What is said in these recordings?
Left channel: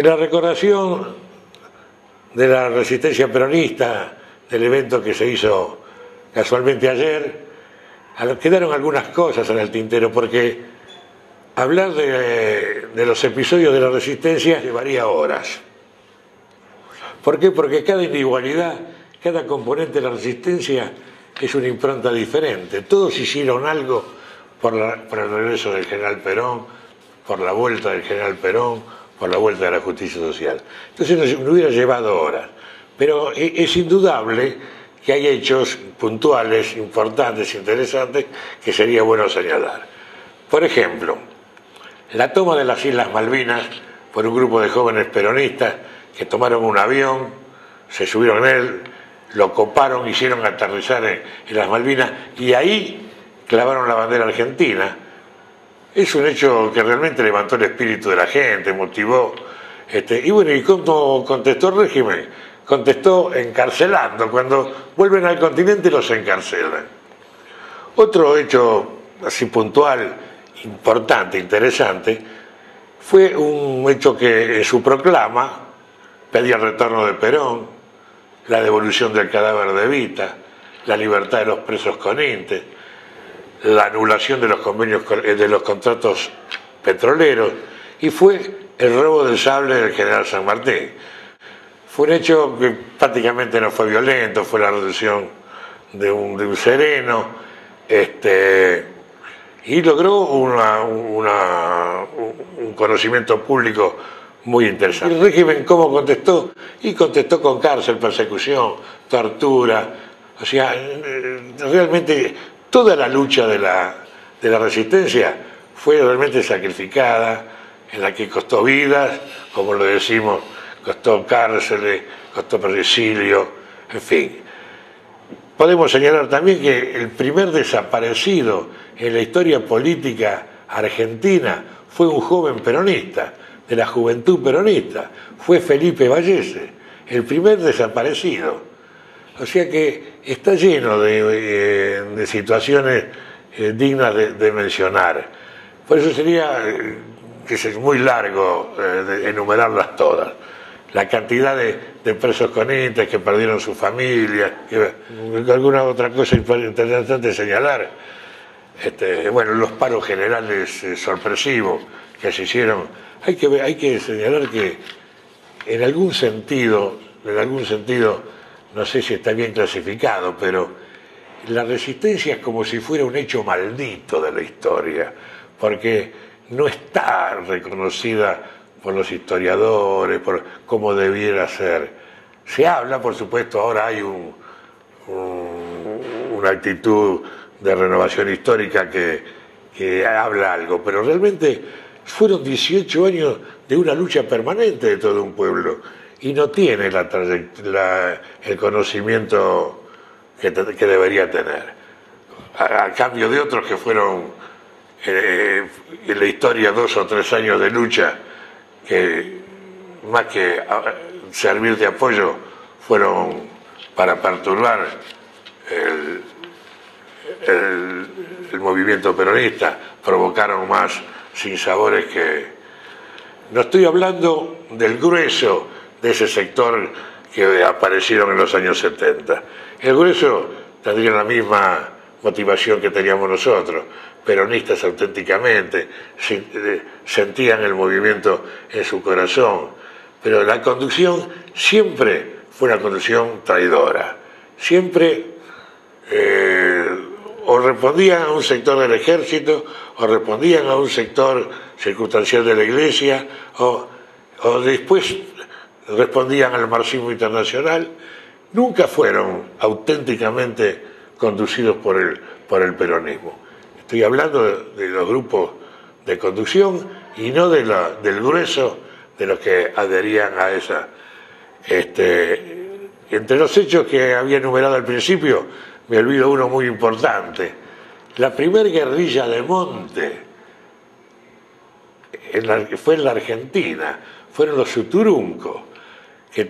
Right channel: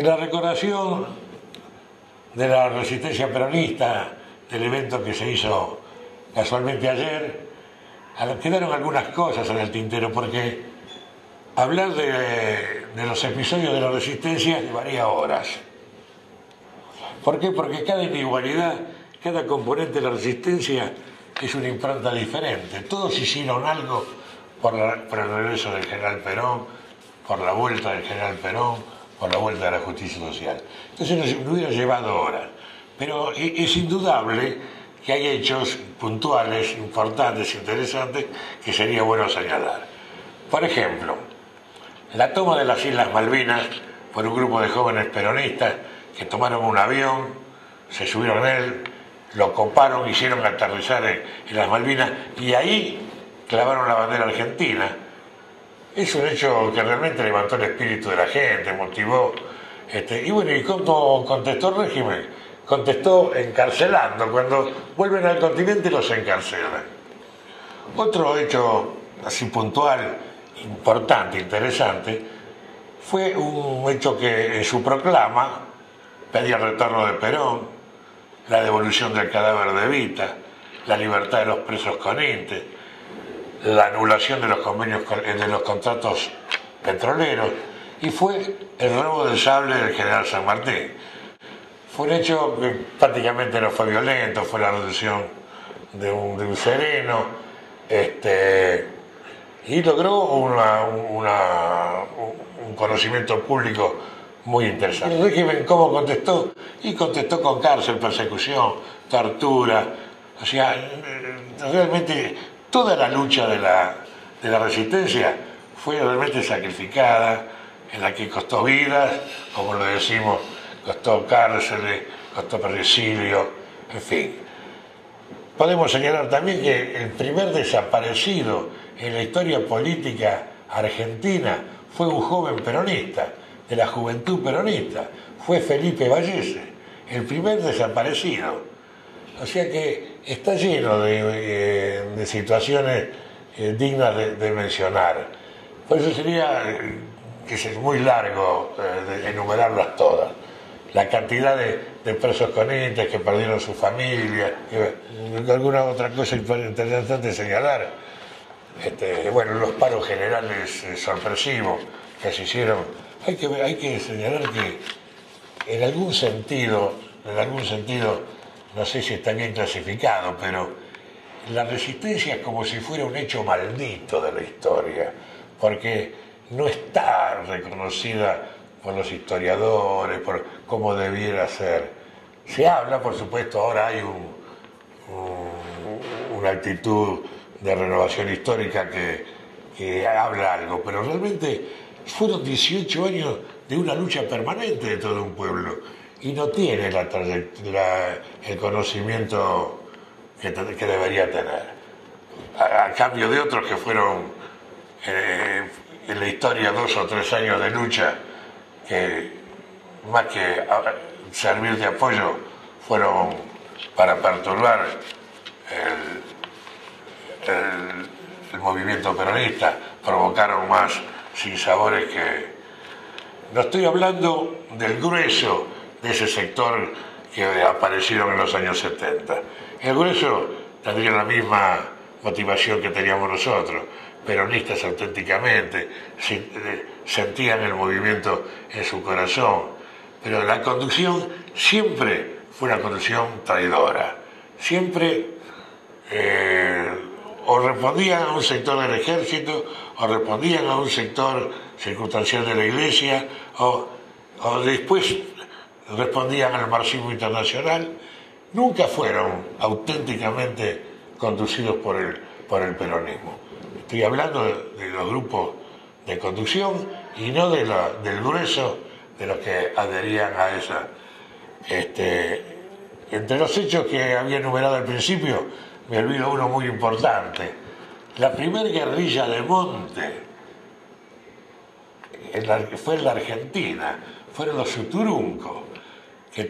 En la recordación de la resistencia peronista, del evento que se hizo casualmente ayer, quedaron algunas cosas en el tintero, porque hablar de los episodios de la resistencia llevaría horas. ¿Por qué? Porque cada individualidad, cada componente de la resistencia es una impronta diferente. Todos hicieron algo por el regreso del general Perón, por la vuelta del general Perón, por la vuelta de la justicia social. Entonces nos hubiera llevado horas. Pero es indudable que hay hechos puntuales, importantes, interesantes, que sería bueno señalar. Por ejemplo, la toma de las Islas Malvinas por un grupo de jóvenes peronistas que tomaron un avión, se subieron en él, lo coparon, hicieron aterrizar en las Malvinas y ahí clavaron la bandera argentina. Es un hecho que realmente levantó el espíritu de la gente, motivó. Y bueno, ¿y cómo contestó el régimen? Contestó encarcelando. Cuando vuelven al continente los encarcelan. Otro hecho así puntual, importante, interesante, fue un hecho que en su proclama pedía el retorno de Perón, la devolución del cadáver de Evita, la libertad de los presos con Inte, la anulación de los convenios, de los contratos petroleros, y fue el robo del sable del general San Martín. Fue un hecho que prácticamente no fue violento, fue la reducción de un sereno, y logró un conocimiento público muy interesante. ¿El régimen cómo contestó? Y contestó con cárcel, persecución, tortura. O sea, realmente toda la lucha de la resistencia fue realmente sacrificada, en la que costó vidas, como lo decimos, costó cárceles, costó exilio, en fin. Podemos señalar también que el primer desaparecido en la historia política argentina fue un joven peronista, de la juventud peronista, fue Felipe Vallese, el primer desaparecido. O sea que está lleno de situaciones dignas de mencionar. Por eso sería, que es muy largo enumerarlas todas. La cantidad de presos con Inte que perdieron su familia, alguna otra cosa interesante señalar. Bueno, los paros generales sorpresivos que se hicieron. Hay que señalar que en algún sentido, no sé si está bien clasificado, pero la resistencia es como si fuera un hecho maldito de la historia, porque no está reconocida por los historiadores, por cómo debiera ser. Se habla, por supuesto, ahora hay una actitud de renovación histórica que habla algo, pero realmente fueron 18 años de una lucha permanente de todo un pueblo y no tiene el conocimiento que debería tener. A cambio de otros que fueron en la historia 2 o 3 años de lucha, que más que servir de apoyo fueron para perturbar el movimiento peronista, provocaron más sinsabores que... No estoy hablando del grueso de ese sector que aparecieron en los años 70. El grueso tendría la misma motivación que teníamos nosotros, peronistas auténticamente, sentían el movimiento en su corazón, pero la conducción siempre fue una conducción traidora, siempre o respondían a un sector del ejército, o respondían a un sector circunstancial de la iglesia, o después respondían al marxismo internacional. Nunca fueron auténticamente conducidos por el peronismo. Estoy hablando de los grupos de conducción y no del grueso de los que adherían a esa. Entre los hechos que había enumerado al principio, me olvido uno muy importante. La primera guerrilla de monte fue en la Argentina, fueron los Uturuncos, que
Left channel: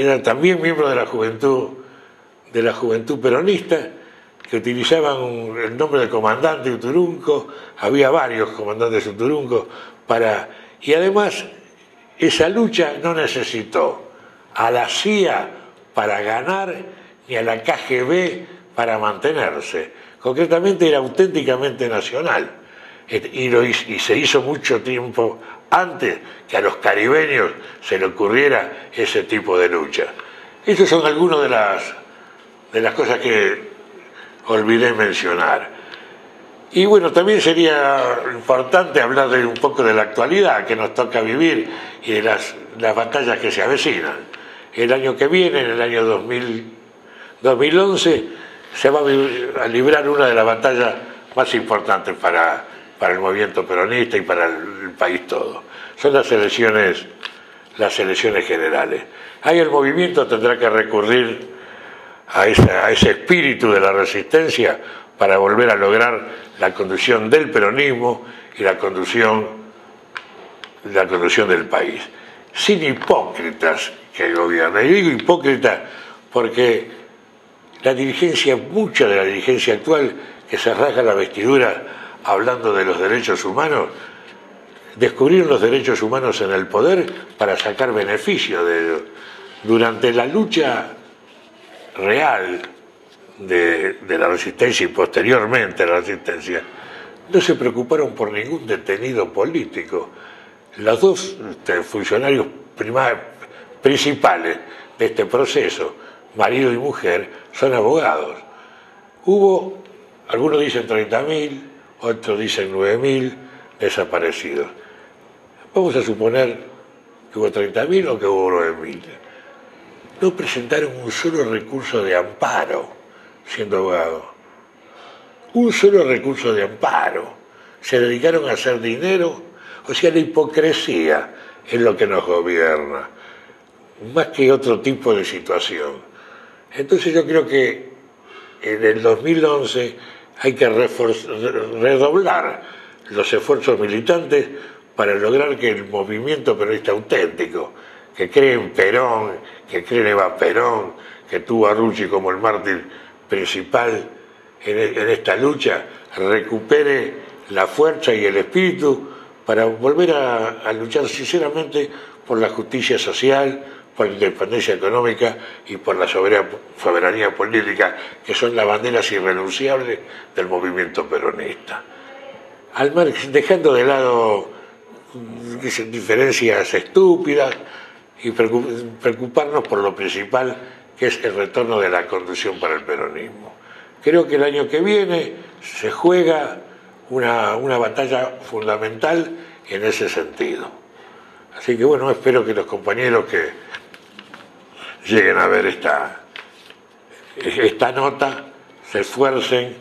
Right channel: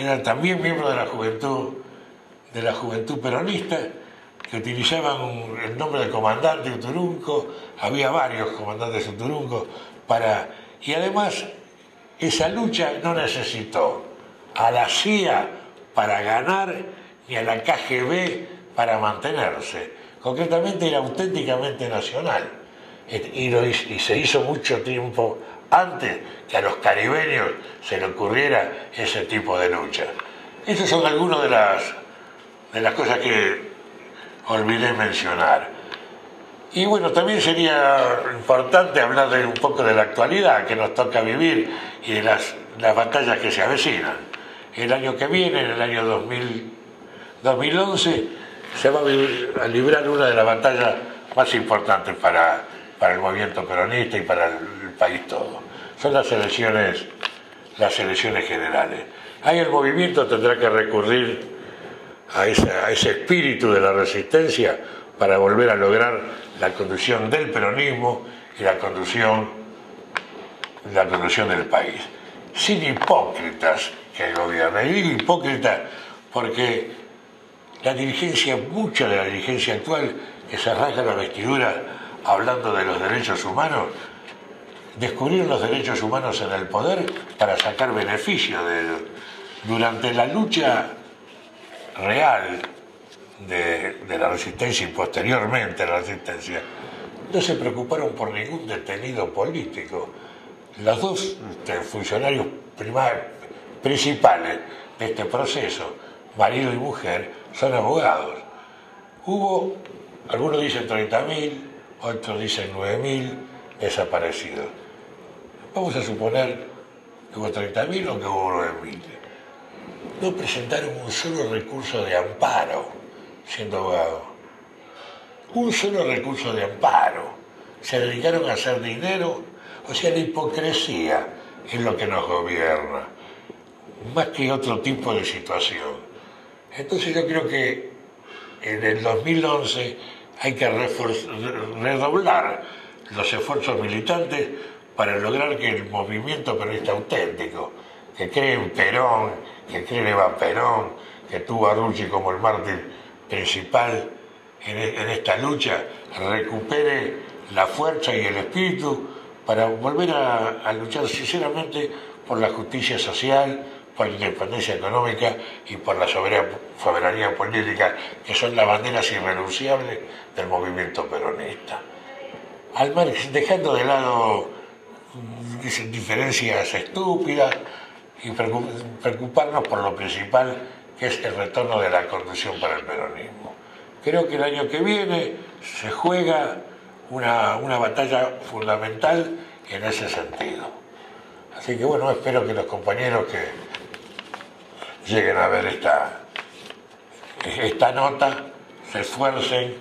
eran también miembros de la juventud peronista, que utilizaban el nombre de comandante Uturunco. Había varios comandantes Uturuncos y además esa lucha no necesitó a la CIA para ganar ni a la KGB para mantenerse. Concretamente era auténticamente nacional y se hizo mucho tiempo antes que a los caribeños se le ocurriera ese tipo de lucha. Estas son algunas de las cosas que olvidé mencionar. Y bueno, también sería importante hablar un poco de la actualidad que nos toca vivir y de las batallas que se avecinan. El año que viene, en el año 2011, se va a librar una de las batallas más importantes para el movimiento peronista y para el país todo. Son las elecciones generales. Ahí el movimiento tendrá que recurrir a ese espíritu de la resistencia para volver a lograr la conducción del peronismo y la conducción del país. Sin hipócritas que gobiernan. Y digo hipócritas porque mucha de la dirigencia actual que se rasga la vestidura hablando de los derechos humanos, descubrir los derechos humanos en el poder para sacar beneficio de ellos. Durante la lucha real de la resistencia y posteriormente a la resistencia, no se preocuparon por ningún detenido político. Los dos funcionarios principales de este proceso, marido y mujer, son abogados. Hubo, algunos dicen 30.000, otros dicen 9.000 desaparecidos. Vamos a suponer que hubo 30.000 o que hubo 9.000. No presentaron un solo recurso de amparo siendo abogados. Un solo recurso de amparo. Se dedicaron a hacer dinero. O sea, la hipocresía es lo que nos gobierna, más que otro tipo de situación. Entonces yo creo que en el 2011 hay que redoblar los esfuerzos militantes para lograr que el movimiento peronista auténtico, que cree en Perón, que cree en Eva Perón, que tuvo a Rucci como el mártir principal en esta lucha, recupere la fuerza y el espíritu para volver a luchar sinceramente por la justicia social, por la independencia económica y por la soberanía política, que son las banderas irrenunciables del movimiento peronista. Dejando de lado diferencias estúpidas y preocuparnos por lo principal, que es el retorno de la conducción para el peronismo. Creo que el año que viene se juega una batalla fundamental en ese sentido. Así que bueno, espero que los compañeros que lleguen a ver esta nota se esfuercen,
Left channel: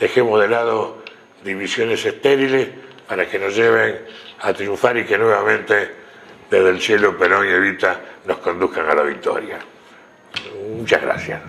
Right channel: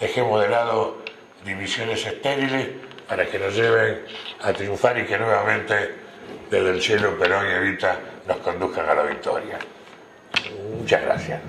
dejemos de lado divisiones estériles para que nos lleven a triunfar y que nuevamente desde el cielo Perón y Evita nos conduzcan a la victoria. Muchas gracias.